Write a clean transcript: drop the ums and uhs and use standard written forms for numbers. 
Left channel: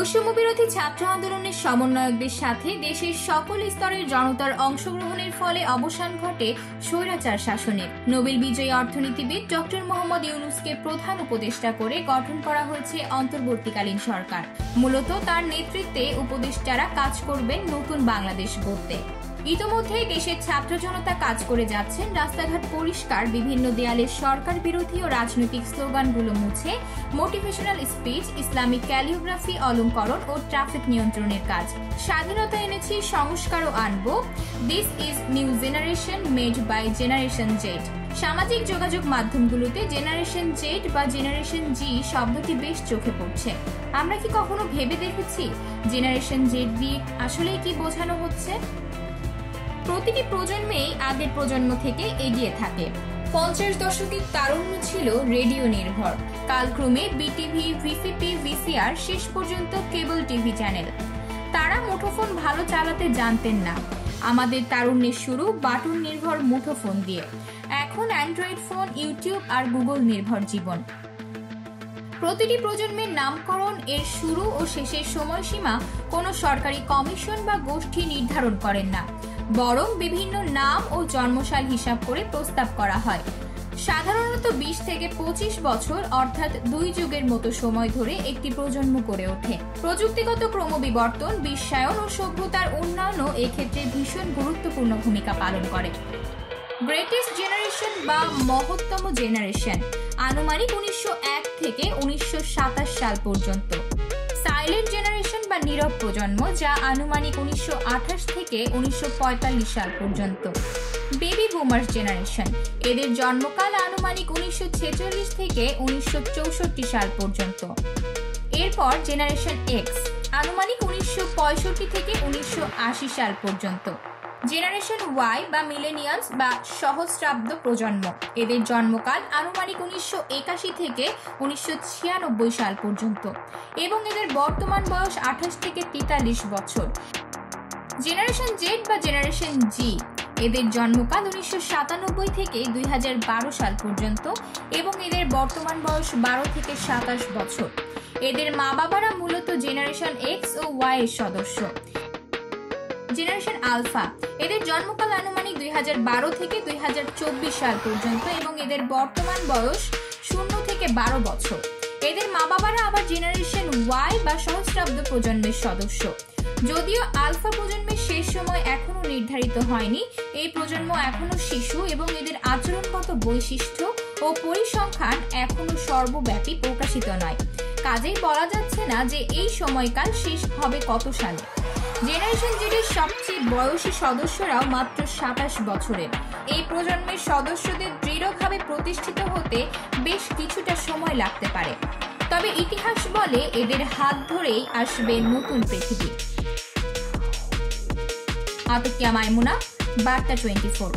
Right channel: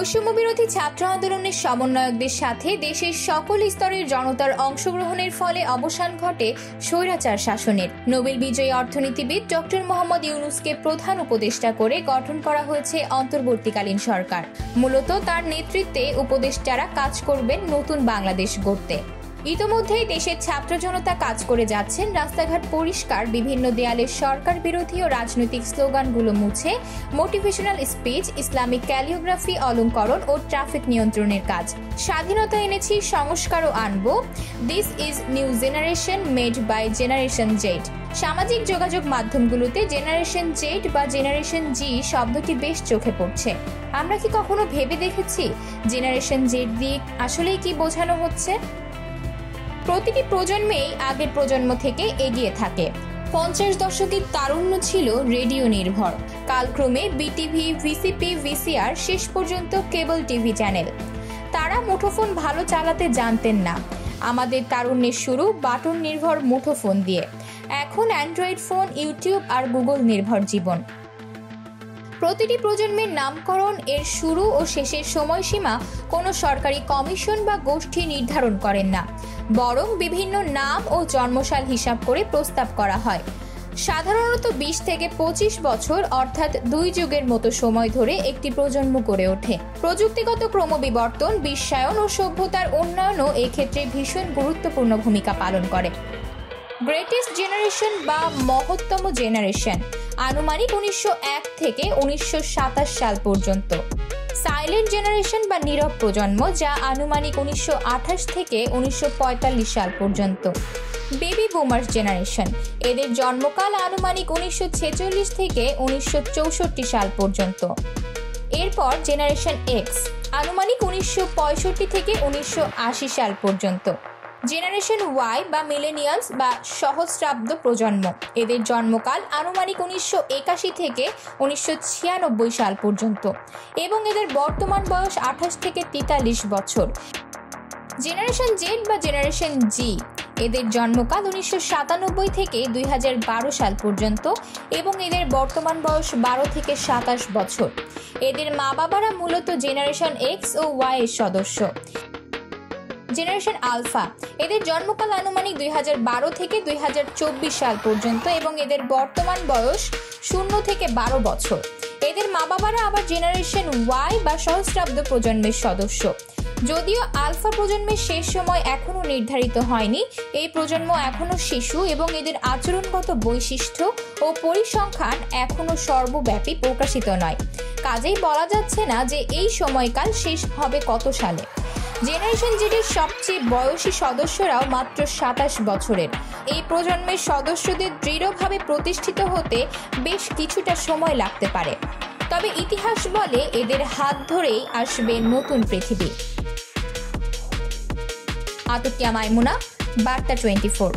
বৈষম্য বিরোধী ছাত্র আন্দোলনের সমন্বয়কদের সাথে দেশের সকল স্তরের জনতার অংশগ্রহণের ফলে অবসান ঘটে স্বৈরাচার শাসনের। নোবেল বিজয়ী অর্থনীতিবিদ ডক্টর মোহাম্মদ ইউনূসকে প্রধান উপদেষ্টা করে গঠন করা হয়েছে অন্তর্বর্তীকালীন সরকার। মূলত তার নেতৃত্বে উপদেষ্টারা কাজ করবেন নতুন বাংলাদেশ গড়তে। ইতোমধ্যেই দেশের ছাত্র জনতা কাজ করে যাচ্ছেন রাস্তাঘাট পরিষ্কার, বিভিন্ন দেয়ালে সরকার বিরোধী ও রাজনৈতিক স্লোগানগুলো মুছে মোটিভেশনাল স্পিচ, ইসলামিক ক্যালিওগ্রাফি, অলঙ্করণ ও ট্রাফিক নিয়ন্ত্রণের কাজ। স্বাধীনতা এনেছি, সংস্কারও আনবো, this is new generation made by generation Z. সামাজিক যোগাযোগ মাধ্যমগুলোতে জেনারেশন জেড বা জেনারেশন জি শব্দটি বেশ চোখে পড়ছে। আমরা কি কখনো ভেবে দেখেছি জেনারেশন জেড দিয়ে আসলেই কি বোঝানো হচ্ছে? প্রতিটি প্রজন্মেই আগের প্রজন্ম থেকে এগিয়ে থাকে। 50 দশকের তারুণ্য ছিল রেডিও নির্ভর, কালক্রমে বিটিভি, ভিসিপি, ভিসিআর, শেষ পর্যন্ত কেবল টিভি চ্যানেল। তারা মুঠোফোন ভালো চালাতে জানতেন না। আমাদের তারুণ্যের শুরু বাটন নির্ভর মুঠোফোন দিয়ে। এখন অ্যান্ড্রয়েড ফোন, ইউটিউব আর গুগল নির্ভর জীবন। প্রতিটি প্রজন্মের নামকরণ, এর শুরু ও শেষের সময়সীমা কোনো সরকারি কমিশন বা গোষ্ঠী নির্ধারণ করেন না, বরং বিভিন্ন নাম ও জন্মসাল হিসাব করে প্রস্তাব করা হয়। সাধারণত 20 থেকে 25 বছর অর্থাৎ 2 যুগের মতো সময় ধরে একটি প্রজন্ম গড়ে ওঠে। প্রযুক্তিগত ক্রমবিবর্তন, বিশ্বায়ন ও সভ্যতার উন্নয়নও এক্ষেত্রে ভীষণ গুরুত্বপূর্ণ ভূমিকা পালন করে। গ্রেটেস্ট জেনারেশন বা মহত্তম জেনারেশন আনুমানিক 1901 থেকে 1927 সাল পর্যন্ত। সাইলেন্ট জেনারেশন বা নীরব প্রজন্ম, যা আনুমানিক 1928 থেকে 1945 সাল পর্যন্ত। বেবি বুমার্স জেনারেশন, এদের জন্মকাল আনুমানিক 1946 থেকে 1964 সাল পর্যন্ত। এরপর জেনারেশন এক্স আনুমানিক 1965 থেকে 1980 সাল পর্যন্ত। জেনারেশন ওয়াই বা মিলেনিয়ালস বা সহস্রাব্দ প্রজন্ম, এদের জন্মকাল আনুমানিক 1981 থেকে 1996 সাল পর্যন্ত এবং এদের বর্তমান বয়স 28 থেকে 43 বছর। জেনারেশন জেড বা জেনারেশন জি, এদের জন্মকাল 1997 থেকে 2012 সাল পর্যন্ত এবং এদের বর্তমান বয়স 12 থেকে 27 বছর। এদের মা বাবারা মূলত জেনারেশন এক্স ও ওয়াই এর সদস্য। জেনারেশন আলফা, এদের জন্মকাল আনুমানিক 2012 থেকে 2024 সাল পর্যন্ত এবং এদের বর্তমান বয়স 0 থেকে 12 বছর। এদের মা বাবারা আবার জেনারেশন ওয়াই বা সহস্রাব্দ প্রজন্মের সদস্য। যদিও আলফা প্রজন্মের শেষ সময় এখনো নির্ধারিত হয়নি, এই প্রজন্ম এখনো শিশু এবং এদের আচরণগত বৈশিষ্ট্য ও পরিসংখ্যান এখনো সর্বব্যাপী প্রকাশিত নয়। কাজেই বলা যাচ্ছে না যে এই সময়কাল শেষ হবে কত সালে। জেনারেশন জেডের সবচেয়ে বয়সী সদস্যরাও মাত্র 27 বছরের। এই প্রজন্মের সদস্যদের দৃঢ়ভাবে প্রতিষ্ঠিত হতে বেশ কিছুটা সময় লাগতে পারে, তবে ইতিহাস বলে এদের হাত ধরেই আসবে নতুন পৃথিবী। আতিকিয়া মাইমুনা, বার্তা 24।